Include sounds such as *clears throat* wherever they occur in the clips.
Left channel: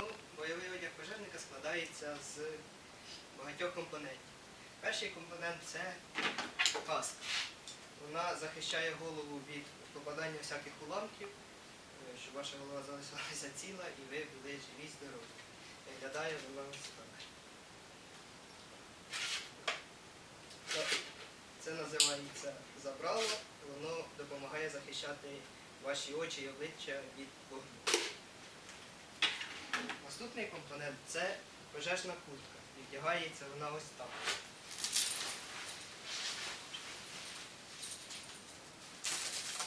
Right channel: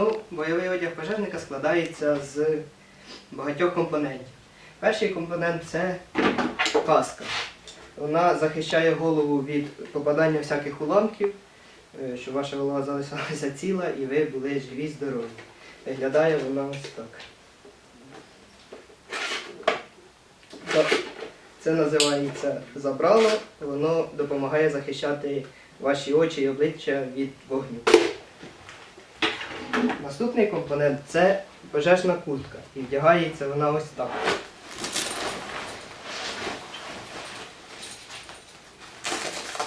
Ну, бойовий одяг пожежника складається з багатьох компонентів. Перший компонент це каска. Вона захищає голову від попадання всяких уламків, е, щоб ваша голова залишалася ціла і ви були живі, здорові. Виглядає вона ось. Так, Це називається забрало, воно допомагає захищати ваші очі і обличчя від вогню. Наступний компонент це пожежна куртка. І вдягається вона ось так.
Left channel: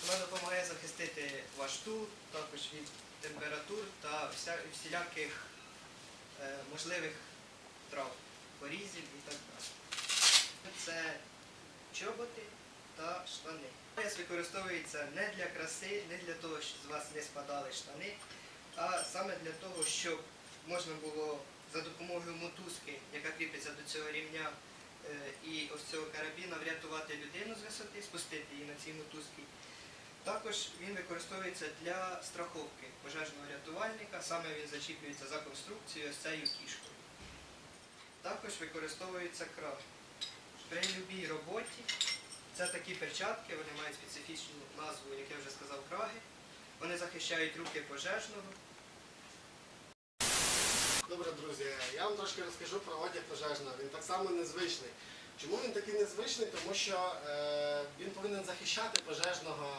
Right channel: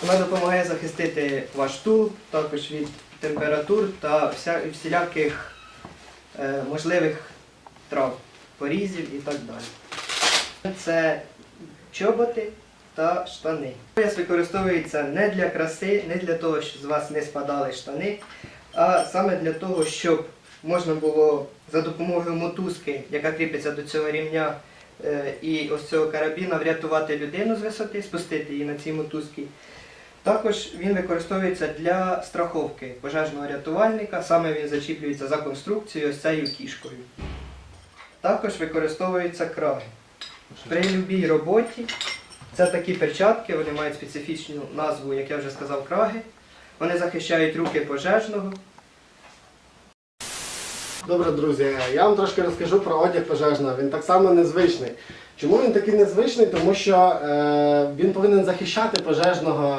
Вона допомагає захистити ваш тул, також від температур та всіляких е, можливих трав, порізів і так далі. Це чоботи та штани. Пояс використовується не для краси, не для того, щоб з вас не спадали штани, а саме для того, щоб можна було за допомогою мотузки, яка кріпиться до цього рівня е, і ось цього карабіна, врятувати людину з висоти, спустити її на цій мотузці. Також він використовується для страховки пожежного рятувальника, саме він зачіплюється за конструкцією ось цією кішкою. Також використовуються краги. При будь-якій роботі це такі перчатки, вони мають специфічну назву, як я вже сказав, краги. Вони захищають руки пожежного. Добре, друзі, я вам трошки розкажу про одяг пожежного. Він так само незвичний. Чому він такий незвичний? Тому що е, він повинен захищати пожежного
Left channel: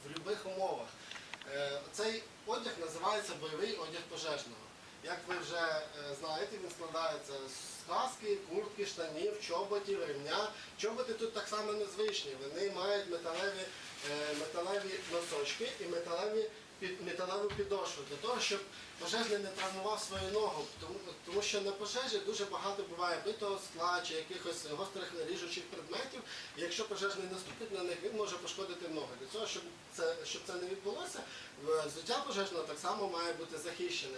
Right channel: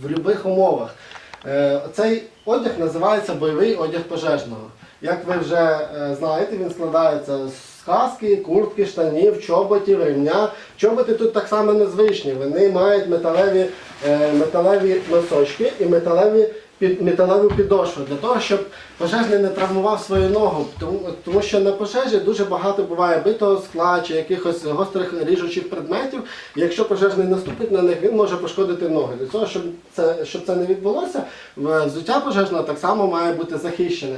в будь-яких умовах. Е, цей одяг називається бойовий одяг пожежного. Як ви вже е, знаєте, він складається з каски, куртки, штанів, чоботів, ремня. Чоботи тут так само незвичні. Вони мають металеві, е, металеві носочки і металеві під металеву підошву для того, щоб пожежний не травмував свою ногу. Тому, тому що на пожежі дуже багато буває битого скла чи якихось гострих ріжучих предметів. І якщо пожежний наступить на них, він може пошкодити ноги. Для того, щоб це, щоб це не відбулося, взуття пожежного так само має бути захищене.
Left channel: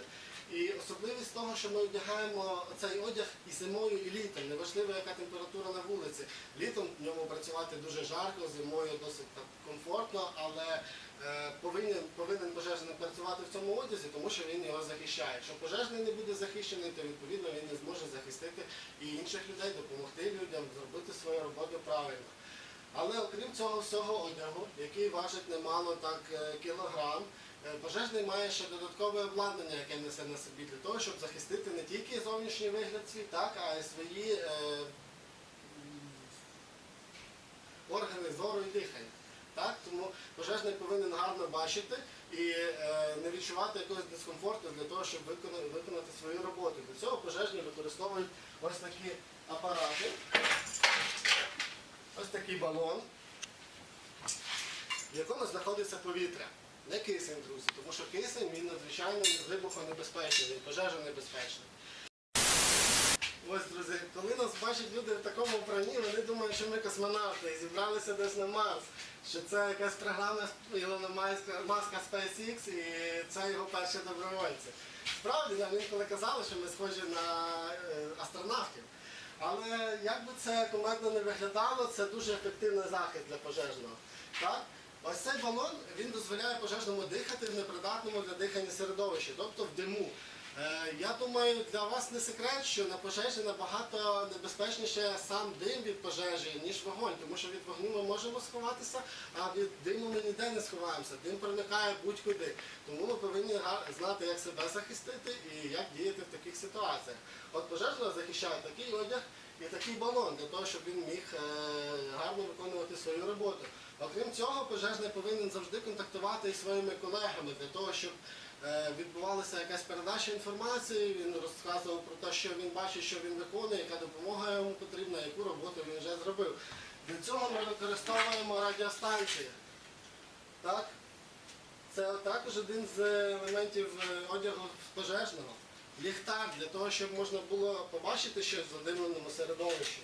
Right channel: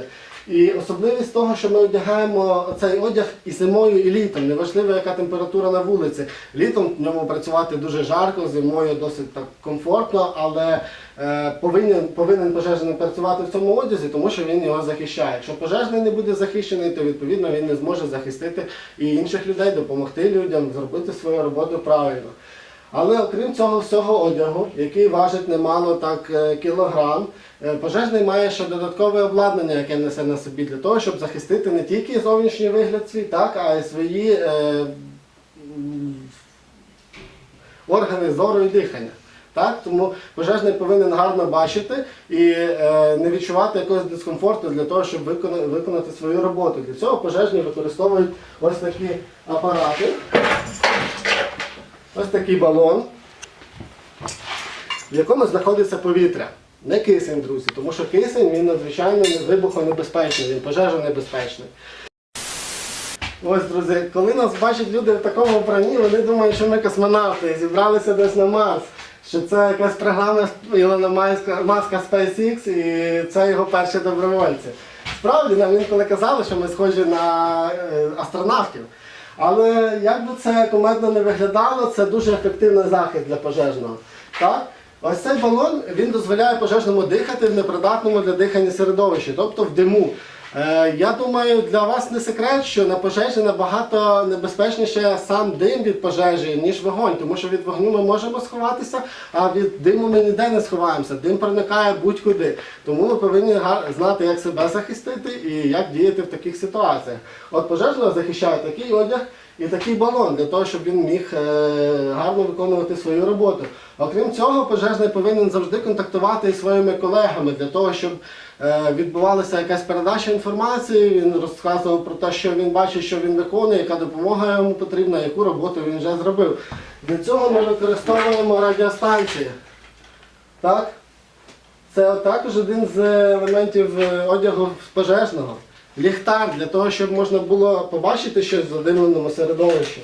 І особливість того, що ми одягаємо цей одяг і зимою, і літом. Неважливо, яка температура на вулиці. Літом в ньому працювати дуже жарко, зимою досить так комфортно, але е, повинен, повинен пожежний працювати в цьому одязі, тому що він його захищає. Якщо пожежний не буде захищений, то відповідно він не зможе захистити і інших людей, допомогти людям зробити свою роботу правильно. Але окрім цього всього одягу, який важить немало так е, кілограм, е, пожежний має ще додаткове обладнання, яке несе на собі для того, щоб захистити не тільки зовнішній вигляд свій, так, а й свої е, органи зору і дихання. Так? Тому пожежний повинен гарно бачити і е, не відчувати якогось дискомфорту для того, щоб виконати, виконати свою роботу. Для цього пожежні використовують ось такі апарати. Ось такий балон, в якому знаходиться повітря. Не кисень, друзі, тому що кисень він надзвичайно вибухонебезпечний, він пожежонебезпечний. Ось, друзі, коли нас бачать люди в такому вбранні, вони думають, що ми космонавти зібралися десь на Марс. Що це якась програма Ілона Маска, Маска SpaceX і це його перші добровольці. Справді нам інколи казали, що ми схожі на е, астронавтів. Але як би це командно не виглядало, це дуже ефективний захист для пожежного. Так? Ось цей балон він дозволяє пожежному дихати в непридатному для дихання середовищі, тобто в диму. Е, я думаю, для вас не секрет, що на пожежі набагато небезпечніше сам дим від пожежі, ніж вогонь, тому що від вогню ми можемо сховатися, а від диму ми ніде не сховаємося. Дим проникає будь-куди. Тому ми повинні знати, як себе захистити і як діяти в таких ситуаціях. От пожежного захищає такий одяг і такий балон для того, щоб він міг е, гарно виконувати свою роботу. Окрім цього, пожежний повинен завжди контактувати із своїми колегами для того, щоб е, відбувалася якась передача інформації. Він розказував про те, що він бачить, що він виконує, яка допомога йому потрібна, яку роботу він вже зробив. Для цього ми використовуємо радіостанції. Так? Це також один з елементів е, одягу пожежного. Ліхтар для того, щоб можна було побачити щось в задимленому середовищі.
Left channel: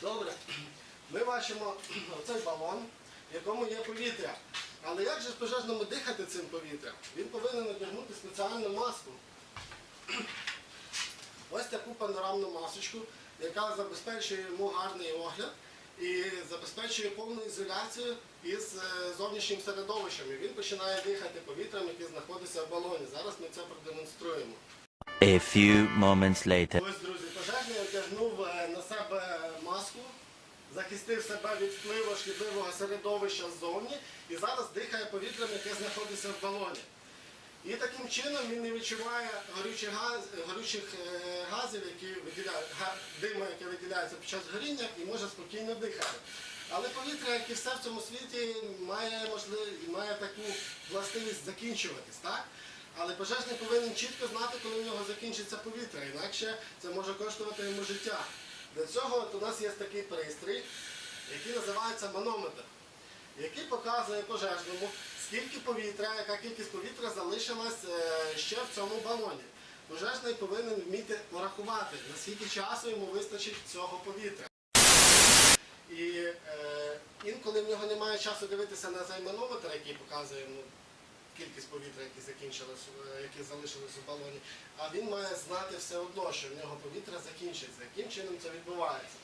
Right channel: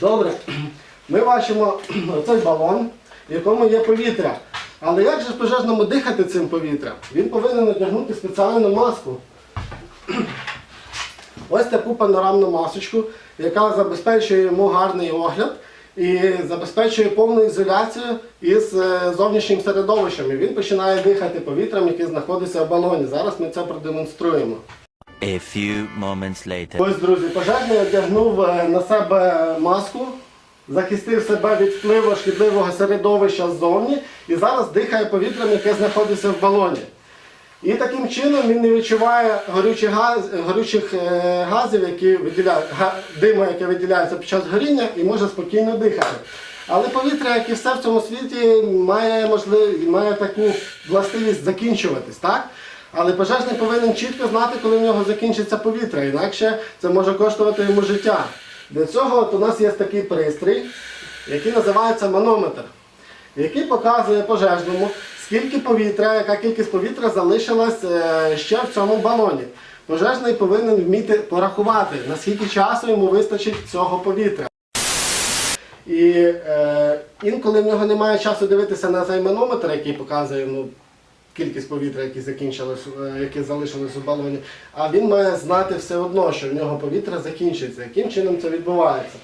Добре. Ми бачимо *clears throat* оцей балон, в якому є повітря. Але як же пожежному дихати цим повітрям? Він повинен одягнути спеціальну маску. *clears throat* Ось таку панорамну масочку, яка забезпечує йому гарний огляд і забезпечує повну ізоляцію із е, зовнішнім середовищем. І він починає дихати повітрям, яке знаходиться в балоні. Зараз ми це продемонструємо. A few moments later. Ось, друзі, пожежний одягнув е, на себе маску, захистив себе від впливу шкідливого середовища ззовні і зараз дихає повітрям, яке знаходиться в балоні. І таким чином він не відчуває горючих, газ, горючих е, газів, які виділяють, диму, яке виділяється під час горіння, і може спокійно дихати. Але повітря, як і все в цьому світі, має, можлив, має таку властивість закінчуватись, так? Але пожежний повинен чітко знати, коли в нього закінчиться повітря, інакше це може коштувати йому життя. Для цього от у нас є такий пристрій, який називається манометр який показує пожежному, скільки повітря, яка кількість повітря залишилась е, ще в цьому балоні. Пожежний повинен вміти порахувати, наскільки часу йому вистачить цього повітря. І е, інколи в нього немає часу дивитися на цей манометр, який показує ну, кількість повітря, яке закінчилось, е, яке залишилось у балоні, а він має знати все одно, що в нього повітря закінчиться. Яким чином це відбувається?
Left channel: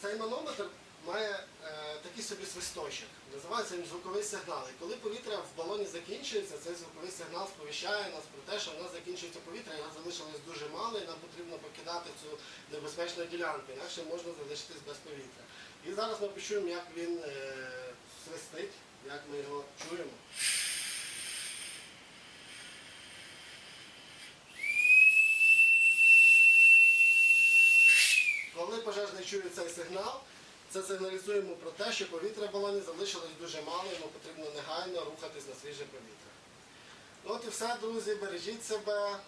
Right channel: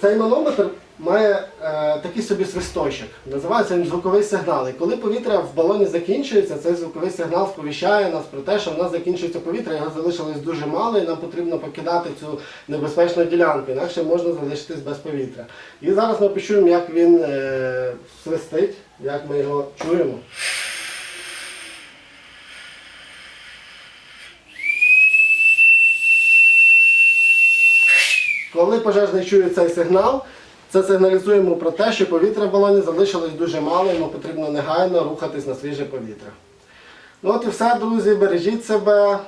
Цей манометр має е, такий собі свисточок. Називається він звуковий сигнал. І коли повітря в балоні закінчується, цей звуковий сигнал сповіщає нас про те, що в нас закінчується повітря, його залишилось дуже мало, і нам потрібно покидати цю небезпечну ділянку, інакше можна залишитись без повітря. І зараз ми почуємо, як він е, свистить, як ми його чуємо. Коли пожежний чує цей сигнал, це сигналізуємо про те, що повітря в балоні залишилось дуже мало, йому потрібно негайно рухатись на свіже повітря. Ну от і все, друзі, бережіть себе,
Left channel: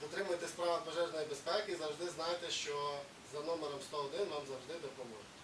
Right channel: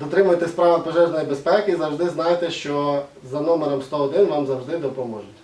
дотримуйтесь правил пожежної безпеки і завжди знайте, що за номером 101 вам завжди допоможуть.